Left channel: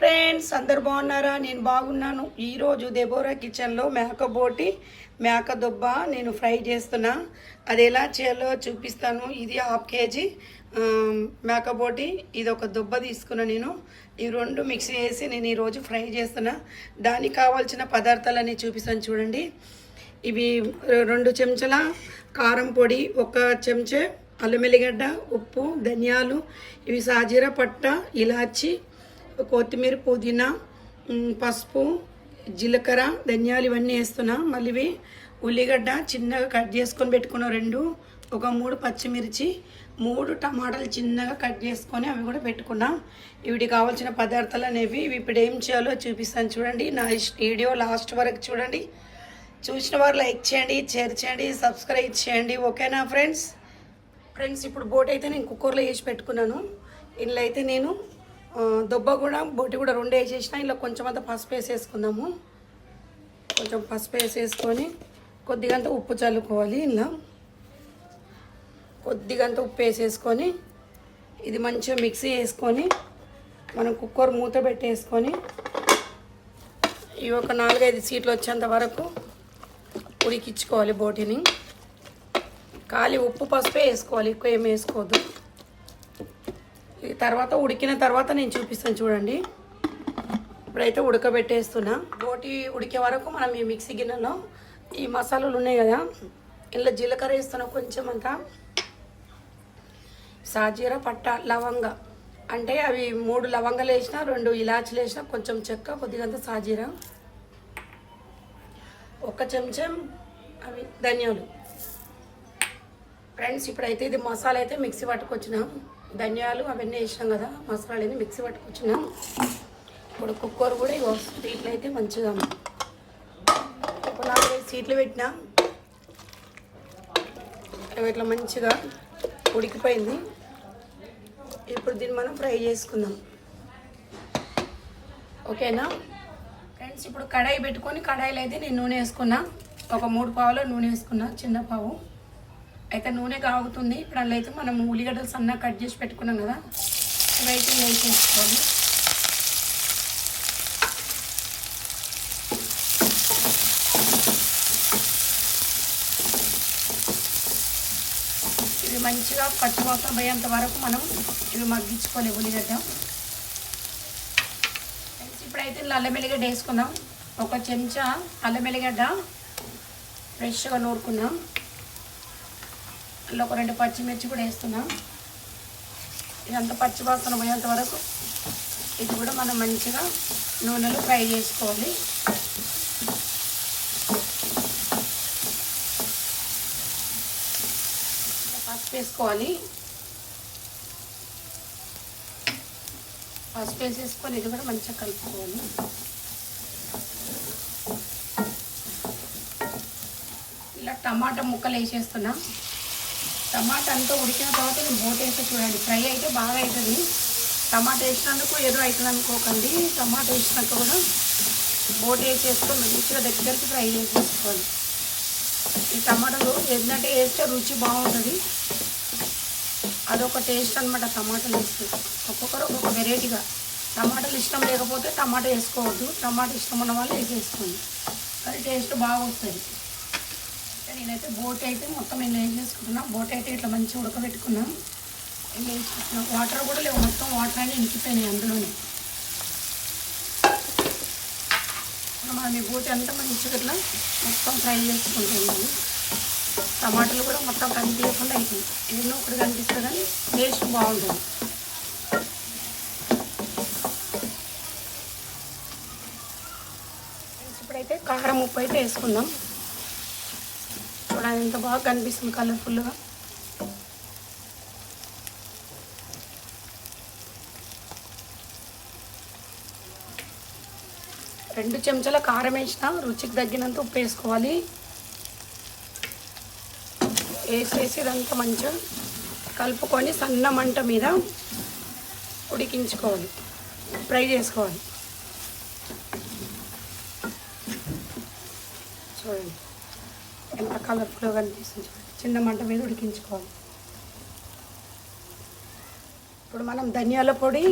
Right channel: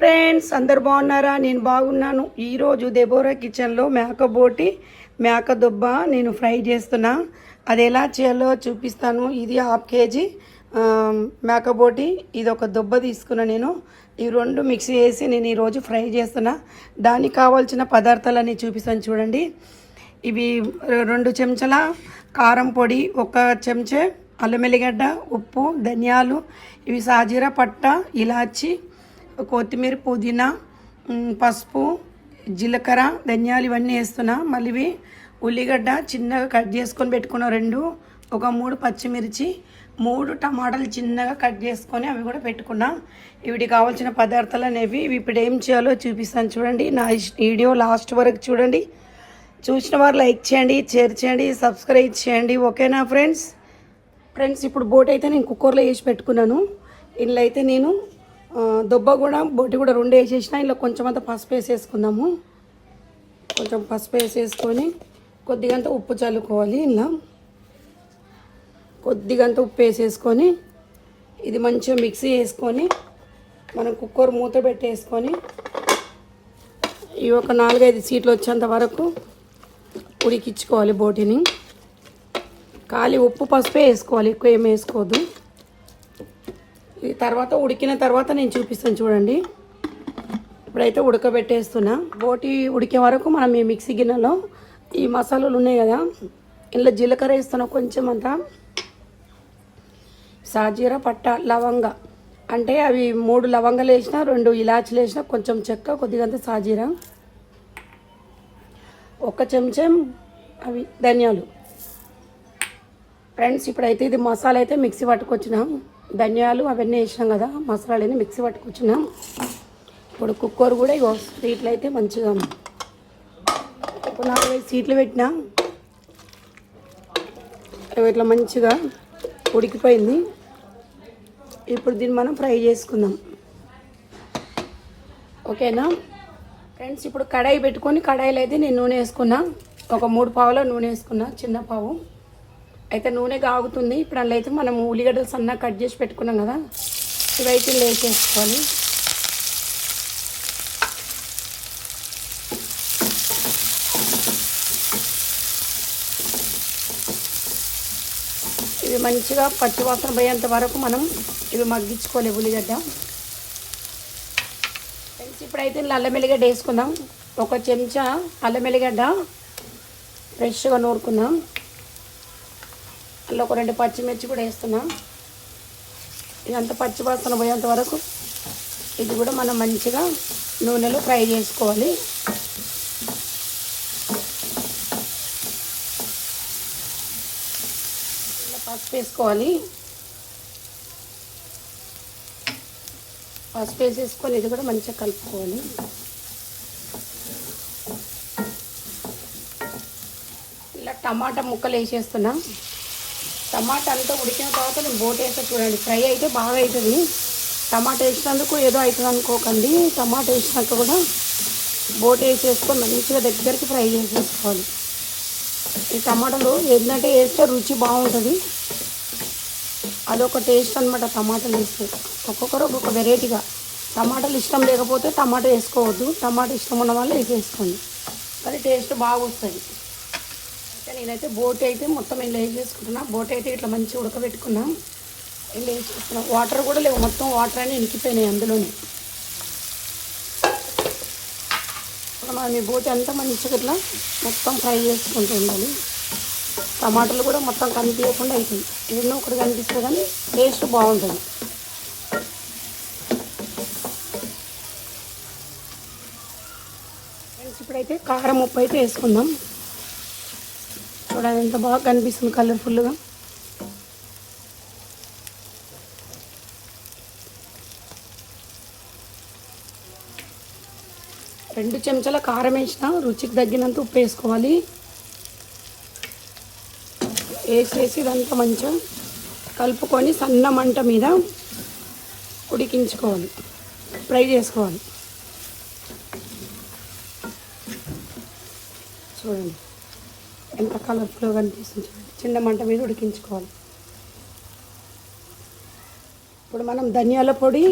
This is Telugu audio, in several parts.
ఫ్రెండ్స్, అందరు బాగున్నారా? నేను బాగున్నాను. ఈరోజు దెబోరా కిచెన్లో మేక దుబ్బ నేను ఫ్రై చేస్తున్నా. అది ఎలా చేయాలో చూపిస్తాను. ఇది 1/2 kg మేకబోటి, ఇది ఒక దుబ్బ తీసుకున్నా. నేను ఈ రెండు మిక్సీ చేసి నేను ఈరోజు ఫ్రై చేస్తున్నా. దానికి కావాల్సిన పదార్థాలన్నీ చూపిస్తాను చూడండి. ఇవి 2 చెంచాల కారం పొడి, 1 చెంచా అల్లం వెల్లిగడ్డ, ఉప్పు, ధనియాలు, ఇవి సాజీరా, పట్ట, ఇలాచి, కొత్తిమీర, పుదీనా, పసుపు, జీలకర్ర, ధనియాలు ఇవన్నీ వేస్తున్నా. మళ్ళీ ఇవి ఉల్లిగడ్డ చిన్నగా కట్ చేసుకొని పెట్టుకున్న 2, ఒక 3 పచ్చిమిర్చి, 3 టమాటాలు చిన్నగా కట్ చేసుకొని అవి కూడా పెట్టుకున్నా. వీటికి కావాల్సిన పదార్థాలు అనేవి. ఇవి ఇప్పుడు ఏం చేయాలో చూపిస్తాను చూడండి. నా వీడియో లాస్ట్ వరకు చూడండి. చూసిన వారు లైక్ చేయండి, షేర్ చేయండి, సబ్స్క్రైబ్ చేయండి. ఓకేనా ఫ్రెండ్స్? ఇప్పుడు బోటి అయితే నేను కుక్కర్లో వేసి పెట్టుకున్నాను. ఇందులో అయితే నేను దుబ్బ కూడా బోటి కూడా 2 వేసేసిన. ఇలా కొంచెం అంతా పసుపు వేసేసుకుందాము. కొంచెం పసుపు వేసేసుకొని కొద్దిగంత ఉప్పు చల్లుకోవాలి. ఇలా కొద్దిగంత ఉప్పు వేసేసుకొని ఇది మంచిగా మిక్సీ వేసుకొని మనం కుక్కర్ మూత పెట్టేసుకొని ఇవి ఒక 4-5 సీట్లు వచ్చేంత వరకు ఉడికించుకోవాలి. బోటిని ఖాళీ ఉప్పు పసుపే వేసుకోవాలి, ఎక్కువ ఏం వేసుకోవద్దు. ఈ తర్వాత ఉడికిన తర్వాత నేను చూపిస్తాను చూడండి. ఇప్పుడైతే ఉడకబెట్టేస్తున్నా. బోటి ఉడికే వరకు మనం ఈ మిక్సీ గిన్నెలో ఈ మసాలాలు ఉన్నాయి కదా, ఇందులో జీలకర్ర వేస్తున్నా కొంచెం అంతా, సాజీరా, పట్ట, లవంగ, అంటే అవి 3 లవంగాలు వేసిన, 2 ఇలాచీలు వేసిన, కొంచెం చెక్క, కొద్దిగంత సాజీరా, 1 చెంచా అవి ధనియాలు. ఫ్రెండ్స్, ఇప్పుడైతే ఇది మసాలా అయితే మిక్సీ పట్టుకొచ్చినాం. ధనియాలు అవన్నీ వేసినాం కదా, మసాలాని మిక్సీ పట్టుకొచ్చినాం. ఇప్పుడు కుక్కర్ కూడా ఇగో సీట్లు అయితే మంచిగా ఇప్పుడు 4-5 సీట్లు పెట్టినా. ఇట్లా మంచిగా ఉడికిపోయింది. ఇప్పుడు దీన్ని మనం ఫ్రై చేసుకుందాం. ఓకేనా ఫ్రెండ్స్? ఇప్పుడు కడాయి పెట్టుకొని, కడాయిలో అయితే నేను నూనె వేసుకున్నా. ఒక 3 పావుల నూనె వేసుకున్నా, చిన్న పావు. అయితే నూనె కాగుతుంది. ఇప్పుడు అందులో అయితే మనం ఉల్లిగడ్డలు సన్నగా కట్ చేసి పెట్టుకున్నాం కదా, ఇవైతే వేసేసుకోవాలి. ఇవి మంచిగా పచ్చివాసన పోయేంత వరకు మనం ఇవి మగ్గించుకోవాలి ఉల్లిగడ్డ. ఇప్పుడైతే అల్లం వెల్లిగడ్డ వేసుకుందాం. 1 చెంచా అల్లం వెల్లిగడ్డ ఫ్రెష్గా నూరుకున్నాం. అందులో ఒక 2 పచ్చిమిర్చి కూడా వేస్తున్నాం. ఇదంతా పచ్చివాసన పోయేంత వరకు ఇది కూడా మనం మంచిగా నూనెలో ఫ్రై చేసుకోవాలి. పసుపు వేసుకోవాలి. పసుపు వేసేసుకొని ఇది కూడా మంచిగా కలుపుకోవాలి. ఇలా టమాటా ముక్కలు వేసేస్తున్నా. టమాటా అంతా ఉడికిన తర్వాత నేను బోటి వేస్తే చూడండి, ఫ్రై అయితే బాగా అవుతుంది. టమాటా వేసినందుకు ఏదో అవుతుంది అనుకోకండి. టమాటా వేసినాక కూడా బోటి వేసేసుకొని మంచిగా దగ్గరికి ఫ్రై చేసేసుకోవాలి. ఈ టమాటాలు ఏంటంటే వేస్తే రుచి బాగుంటుంది. అదొక టేస్ట్ అనమాట టమాటాలు వేస్తే. ఒక్కొక్కరు ఒక్కొక్క వెరైటీగా. టమాటాలు ఇష్టం లేకపోతే టమాటా వేసుకోవద్దు, టమాటా ఇష్టం ఉన్న వాళ్ళు వేసేసుకోండి, కానీ టేస్ట్ బాగా వస్తుంది. నేనైతే బోటి అయితే మొత్తం ఇలా వేసేసుకుంటున్నా. బోటి అయితే ఇట్లా మంచిగా ఉడకబెట్టుకున్నా. ఇలా వేసుకుంటున్నా. వాటర్ కూడా లేవు, మొత్తం వాటర్ అన్నీ ఇంకిపోయినాయి అందులోని. మనం ఈ బోటి అంతా మంచిగా ఇట్లా మొత్తం ఫ్రై చేసుకుంటూ ఉండాలి. టమాటాలు కూడా మొత్తం కనిపించకుండా అవుతుంది. ఏదో ఒకటి కనిపిస్తుంది కానీ టేస్ట్ బాగుంటుంది. ఇప్పుడైతే కారం, ఉప్పు అయితే వేసుకుందాం. చూడండి ఎంత బాగా కనిపిస్తుంది కలర్ఫుల్గా. రెండు చెంచాల కారం వేసిన, రుచికి తగ్గినంత ఉప్పు వేసుకోవాలి. వేసేసి ఇదంతా మంచిగా కలుపుకొని సన్న మంట మీద ఉడికించుకోవాలి, ఫ్రై చేసుకోవాలి. చూడండి ఎంత కలర్ఫుల్గా కనిపిస్తుంది. చిన్న మంట మీద ఉడికించుకోవాలి. ఇప్పుడు మనం ధనియాల పొడి,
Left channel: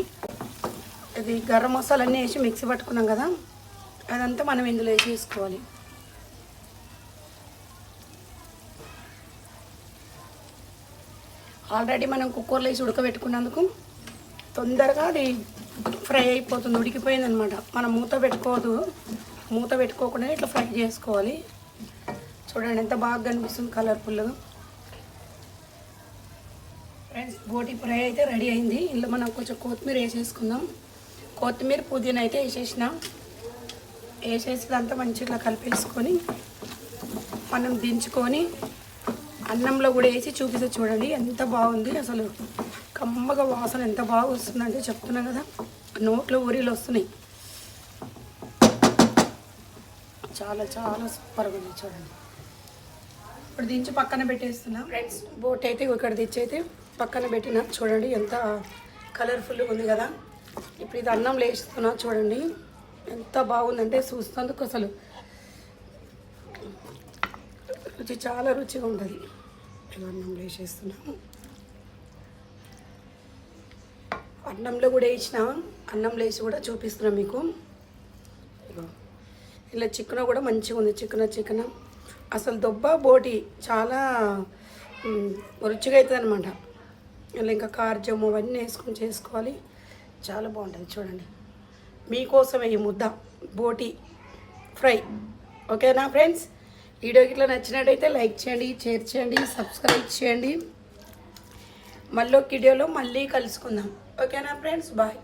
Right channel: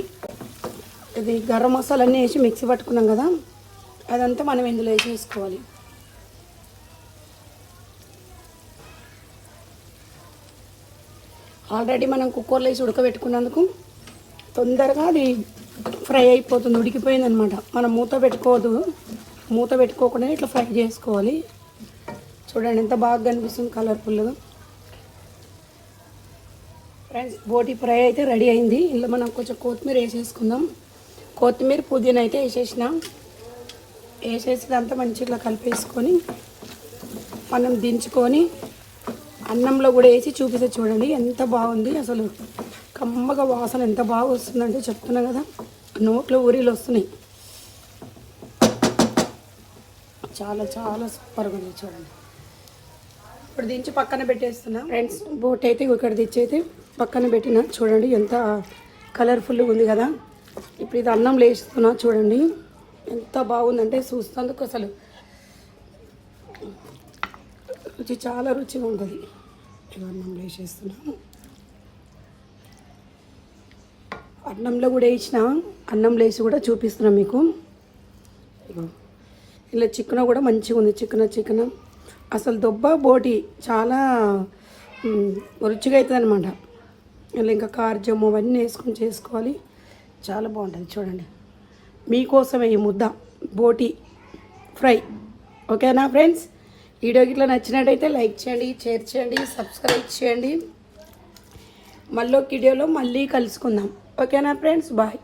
ఇది గరం మసాలా అన్నీ వేసి మిక్సీ పట్టుకున్నాం కదా, అదంతా మనం ఇందులో వేసుకోవాలి. ఆల్రెడీ మనం కుక్కర్లో వేసి ఉడకబెట్టుకున్నందుకు తొందరగా అది ఫ్రై అయిపోతుంది, ఉడికిపోయింది అనమాట. మనం మూత పెట్టుకోవద్దు, మూత పెట్టుకోకుండా ఇట్లా ఫ్రై చేసుకోవాలి. చూడండి ఎంత బాగా కనిపిస్తుంది కలర్ఫుల్గా. ఫ్రెండ్స్ బోటి ఫ్రై అయితే రెడీ అయింది. ఇందులో మనం కొంచెం కొత్తిమీర వేసేసుకుందాం. కొత్తిమీర పుదీనా అయితే వేసేసి అంతా మంచిగా కలిపేసుకొని మనం దించుకొని అన్నంలో కూడా వేసి చూపిస్తే చూడండి ఎంత బాగుంది. అసలు కమ్మగా వాసన ఎంత బాగా వస్తుందంటే చెప్తున్నాం కదా, నోట్లో ఊరిలు వస్తున్నాయి. చాలా చాలా సూపర్గా ఉంది చూడండి. ఇప్పుడు దించి పక్కన పెట్టేస్తున్నా ఫ్రెండ్స్. బోట్ అయితే ఇక్కడ తెచ్చి అయితే పక్కన పెట్టిన చూడండి ఎంత కలర్ఫుల్గా ఉంది కదా. ఇప్పుడు ఇది అన్నం లేస్తున్నా చూడండి ఎంత బాగుందంటే చూస్తేందుకు అసలు రుచి చాలా రుచిగా ఉంటుంది. అన్నం వేసేస్తున్నాము. అన్నంలో కూడా వేసిన, అన్నంలో వేసి కూడా చూపిస్తున్నాం మీకు. ఇలా చికెన్ కూడా మంచిగా ఉంది. చికెన్ అసలు దొబ్బ బోటి చాలా రుచిగా అవుతుంది అనమాట. ఇలా ఇంకా కార్జము అవన్నీ వేసుకొని చేసుకోవాలి, చాలా బాగుంటుంది చూడండి. మీకోసమే ఈ ముద్ద బోటి ఫ్రై. ఓకేనా ఫ్రెండ్స్, వీడియోకి ఇట్లా నచ్చినట్టయితే లైక్ చేయండి, షేర్ చేయండి, సబ్స్క్రైబ్ చేయండి. మళ్ళీ వీడియోలో మళ్ళీ కలుసుకుందాం. ఓకేనా ఫ్రెండ్స్, బాయ్.